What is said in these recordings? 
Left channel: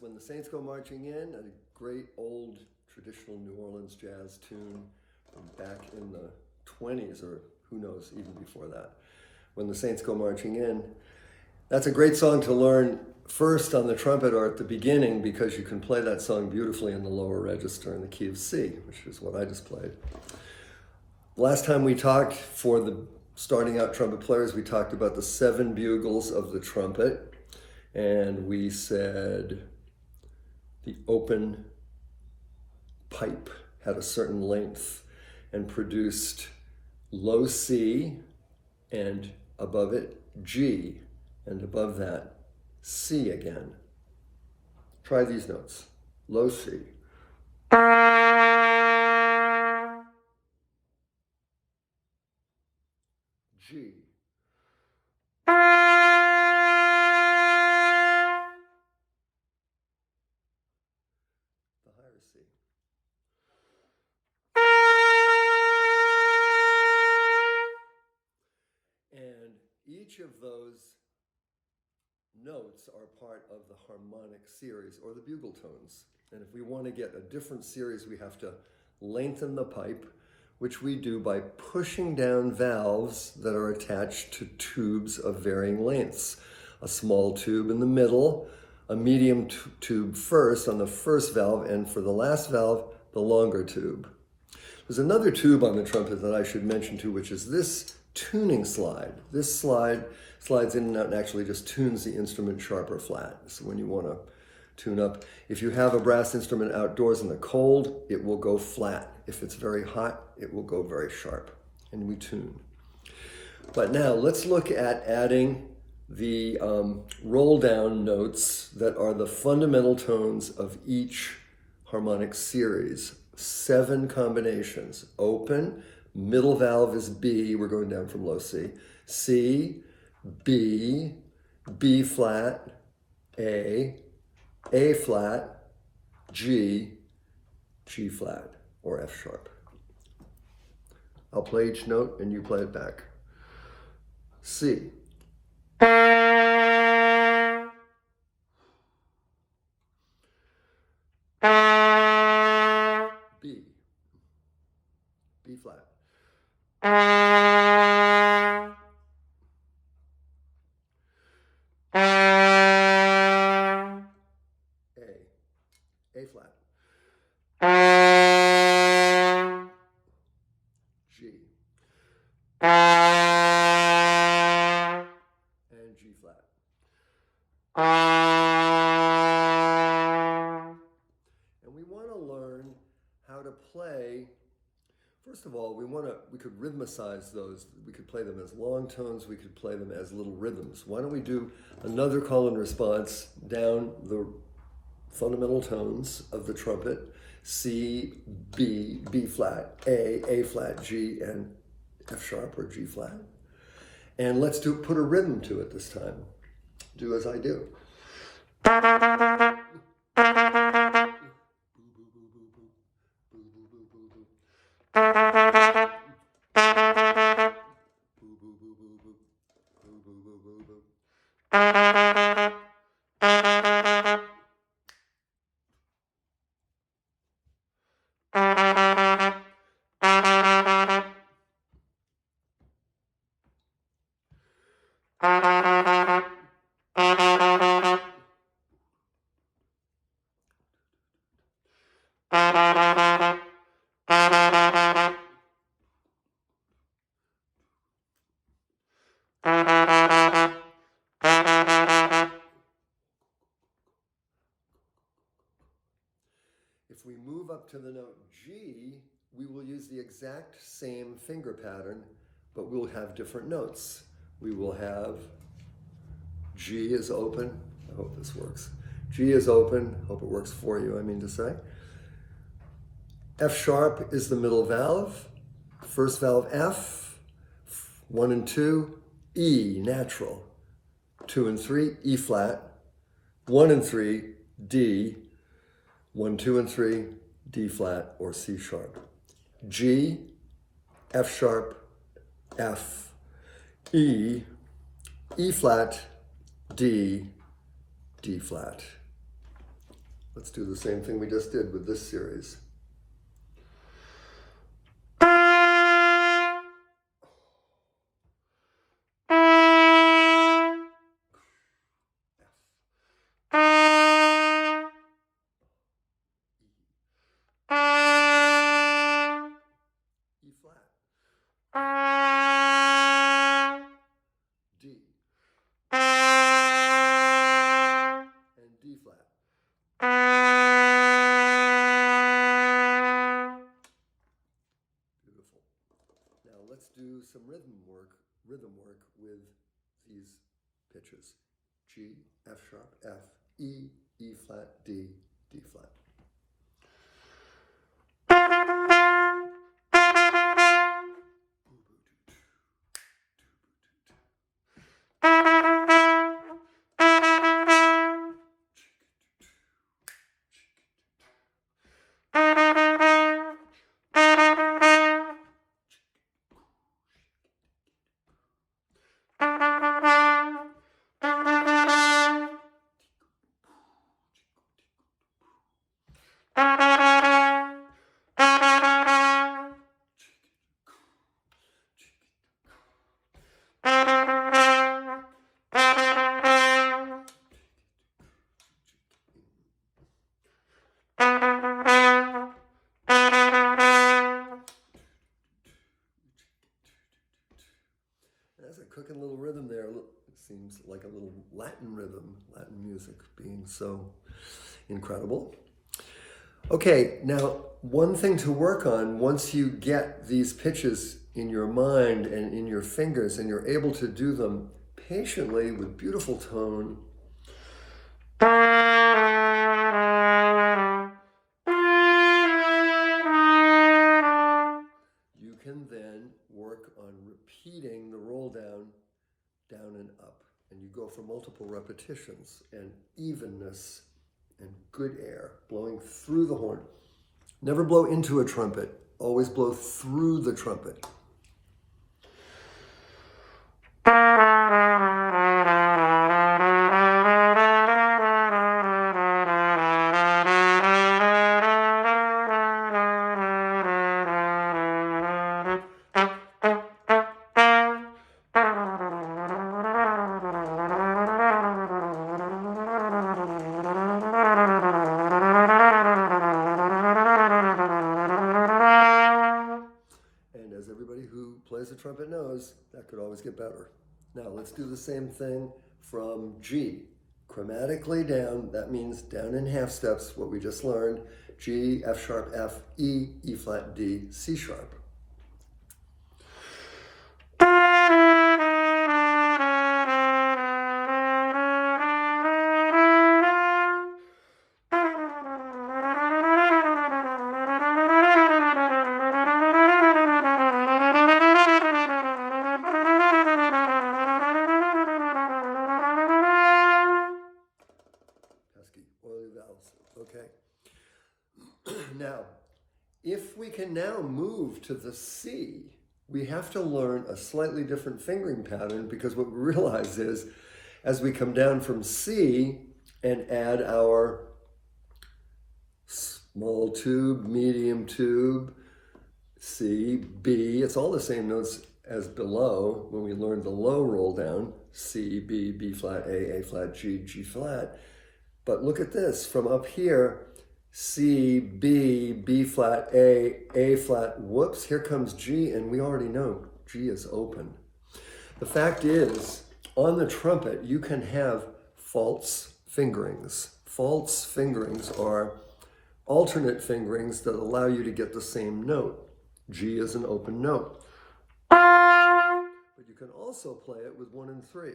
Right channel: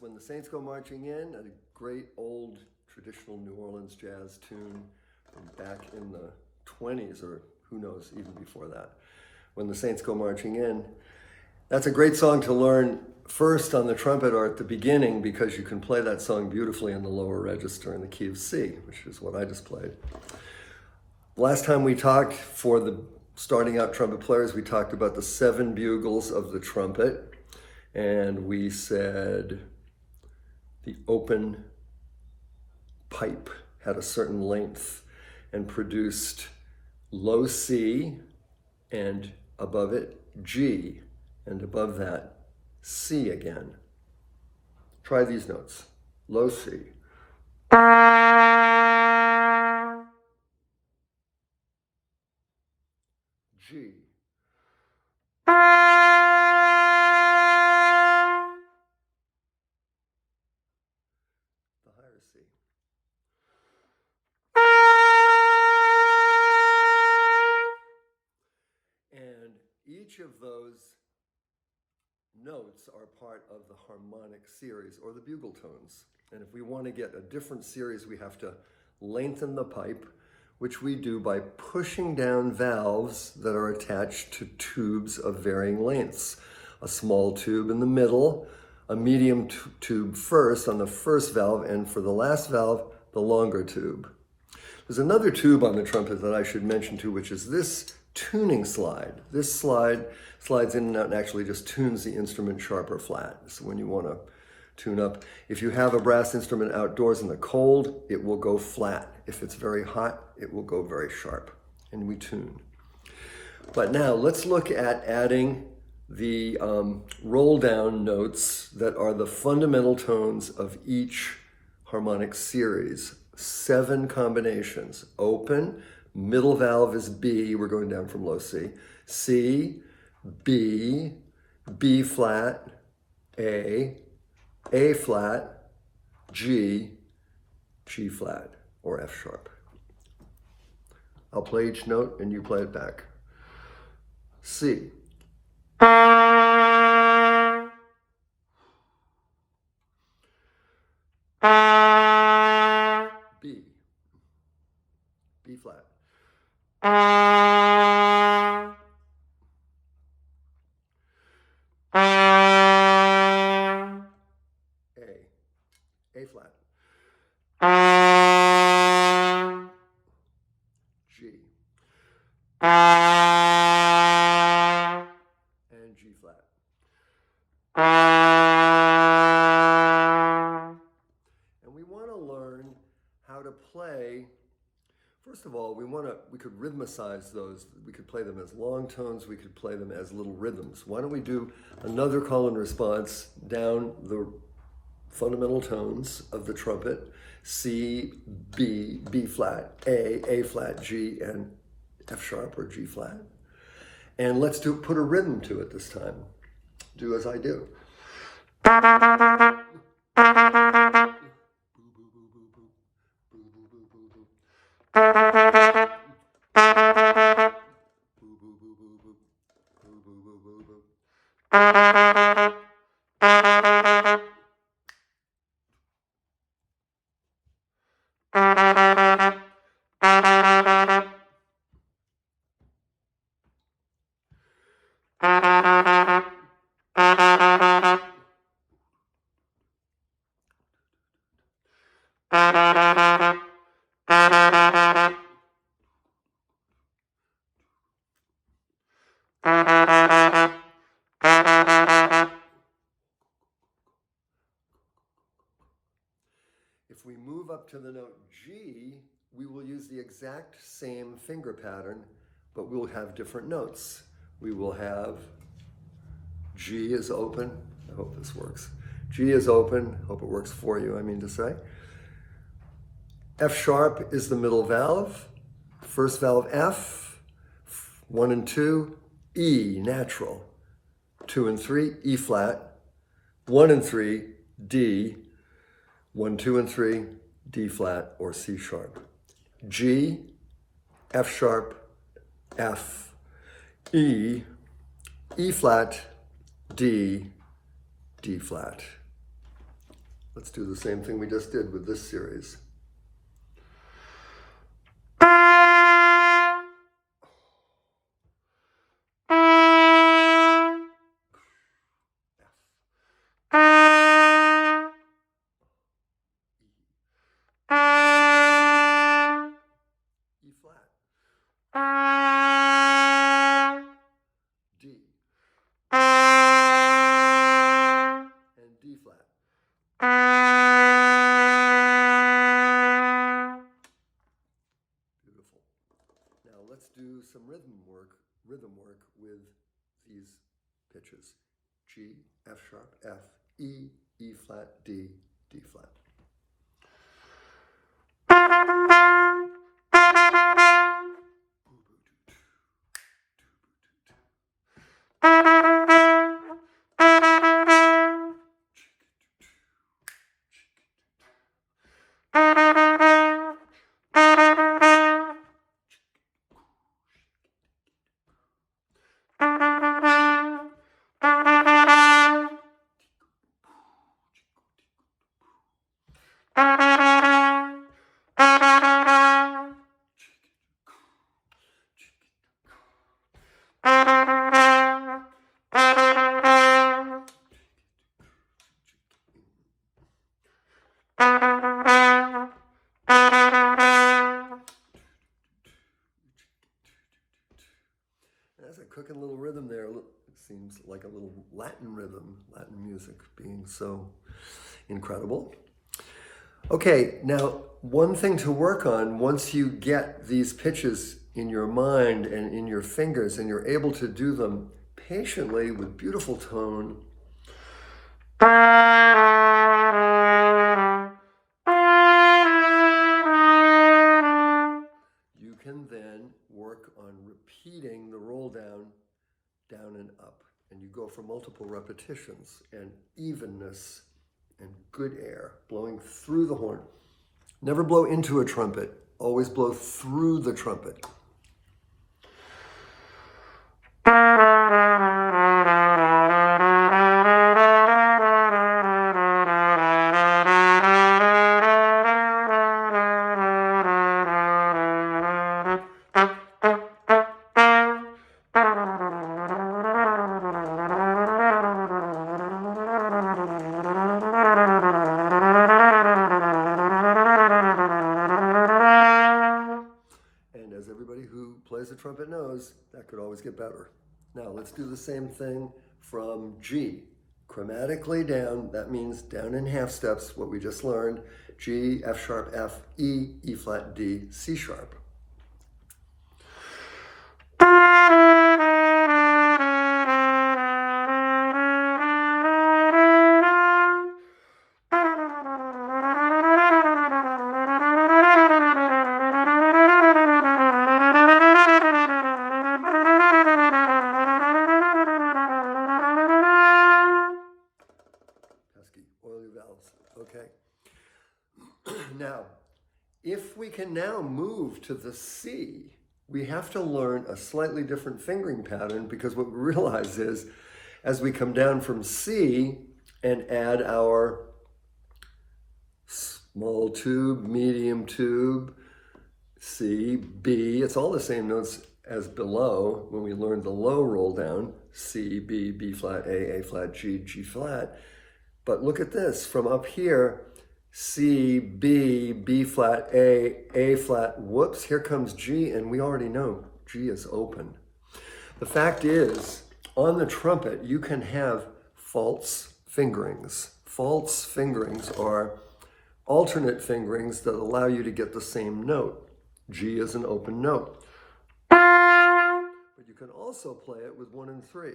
When the Saints Go Marching In, a great old traditional New Orleans jazz tune from back in the 20s, or who knows, even before that. When the Saints Go Marching In, that's a great song to learn first on the trumpet or at the beginning, because you can play that song beautifully in the lower register in the key of C, which is what I just played. Last time we talked, for the starting out trumpet players, we talked about the 7 bugles of the trumpet, and we said the open pipe had a certain length and produced low C, and above it G, and above that C again. Try these notes. Low C. G. The higher C. And each of those notes are part of the harmonic series, or the bugle tones. And if we want to get a different series, we have to lengthen the pipe, which we do by pushing down valves that are attached to tubes of varying lengths. A small tube in the middle, a medium tube first on the first valve, and for the last valve, the longer tube. There's another tube on the trumpet that I should mention too, which is this tuning slide. This slide slides in and out and actually just tunes the instrument sharp or flat. So when you want to tune up, if you have a brass instrument outdoors in the cold, it will go flat. If it's very hot, it will go very sharp, and we tune. But now let's look at adding the roll down notes that are the fundamental tones of each harmonic series. 7 combinations. Open, middle valve is B, we're going down from low C. C, B, B flat, A flat, G, G flat, or F sharp. I'll play each note and you play it back. C. B. B flat. A flat. G. And G flat. And we want to learn how to play. First of all, we could rhythmicize those. We could play them as long tones. We could play them as little rhythms. Why don't we do another call and response down the fundamental tones of the trumpet: C, B, B flat, A flat, G, and F sharp or G flat. And let's put a rhythm to it this time. Do as I do. If we move up to the note G, we will use the exact same finger pattern, but we'll have different notes. We will have G is open. I hope this works. G is open. Hope it works for you, I mean to say. F sharp is the middle valve. First valve F. 1 and 2, E, natural. 2 and 3, E flat. 1 and 3, D. 1, 2, and 3, D flat or C sharp. G, F sharp, F, E, E flat, D, D flat. Let's do the same thing we just did with this series. E flat, D, and D flat. Beautiful. Now let's do some rhythm work with these pitches. G, F sharp, F, E, E flat, D, D flat. There's a cooking little rhythm there. It seems like a little Latin rhythm, Latin music being so incredible. Okay, now one thing to work on once you get these pitches in your mind and in your fingers and you're able to do them patiently with beautiful tone. You can then work on repeating the roll down, down and up. And you go for multiple repetitions and evenness and good air, blowing through the horn. Never blow into a trumpet, always blow through the trumpet. Plays the trumpet knows that could always get better. Now let's do the same thing from G. Chromatically down, that means down in half steps, what we just learned. G, F sharp, F, E, E flat, D, C sharp. Okay. Now, if we can now move to the C, we have to learn a slightly different fingering pattern because what we realize is as we come down from C and add our small tube, medium tube, C, B, it's all the same notes as below when we learned the low roll down, C, B, B flat, A flat, G, G flat. But look at this, from up here, C, B, B flat, A flat, whoops, here comes G, and we already know G is open. The fact is, on the trumpet, you can have false fingerings. False fingerings are alternate fingerings that allow you to get the same note. G is an open note. But you can also play it with 1 and 3.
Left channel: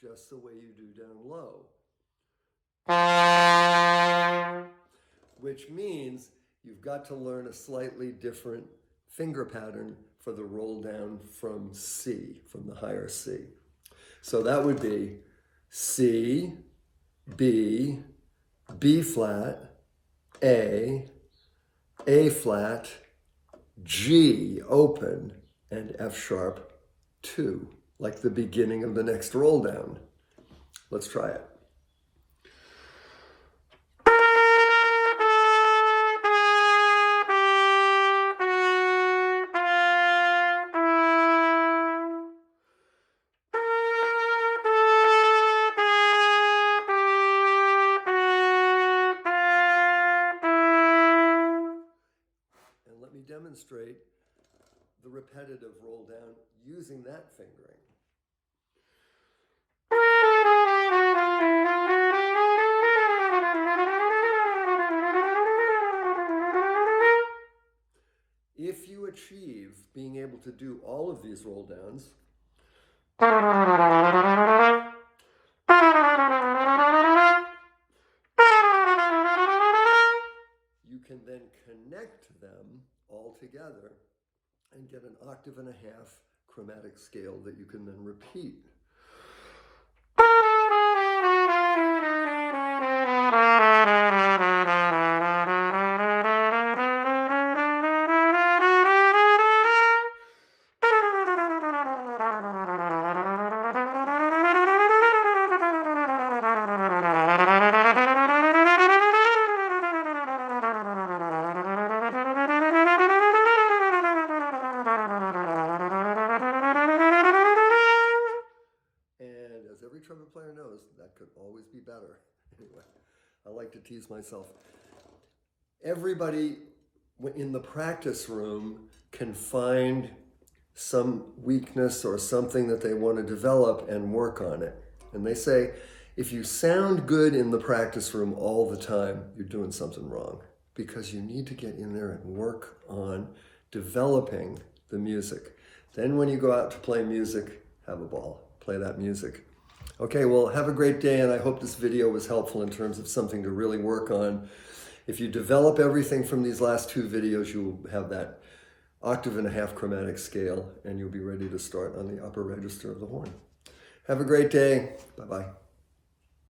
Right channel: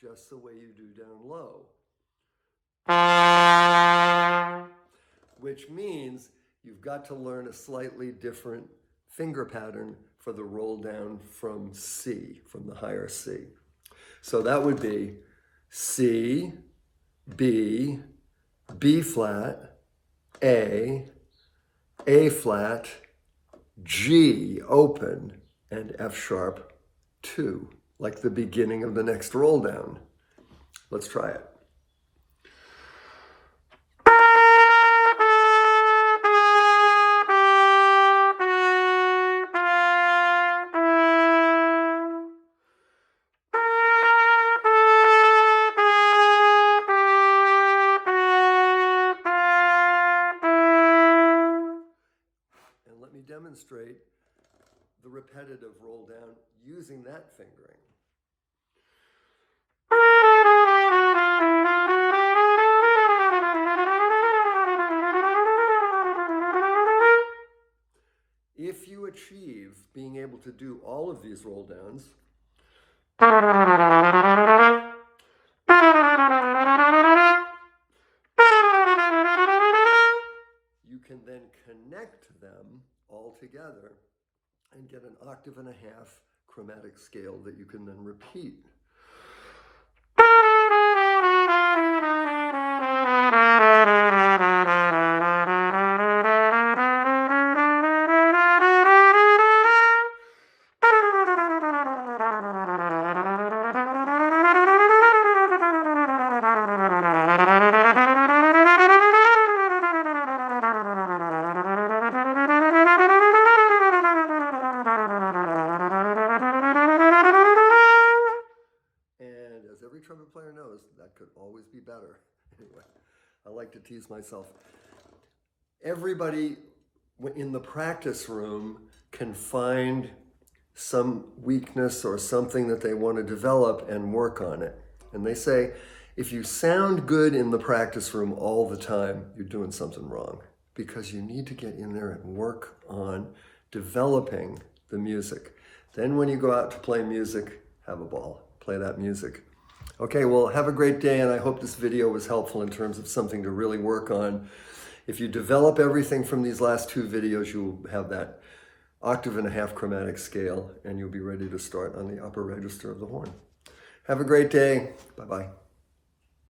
Just the way you do down low. Which means you've got to learn a slightly different finger pattern for the roll down from C, from the higher C. So that would be C, B, B flat, A flat, G open, and F sharp 2, like the beginning of the next roll down. Let's try it. And let me demonstrate the repetitive roll down using that fingering. If you achieve being able to do all of these roll downs, you can then connect them all together and get an octave and a half chromatic scale that you can then repeat. Every trumpet player knows that could always be better. Anyway, I like to tease myself. Everybody in the practice room can find some weakness or something that they want to develop and work on it. And they say, if you sound good in the practice room all the time, you're doing something wrong, because you need to get in there and work on developing the music. Then when you go out to play music, have a ball, play that music. Okay, well, have a great day, and I hope this video was helpful in terms of something to really work on. If you develop everything from these last 2 videos, you'll have that octave and a half chromatic scale, and you'll be ready to start on the upper register of the horn. Have a great day. Bye-bye.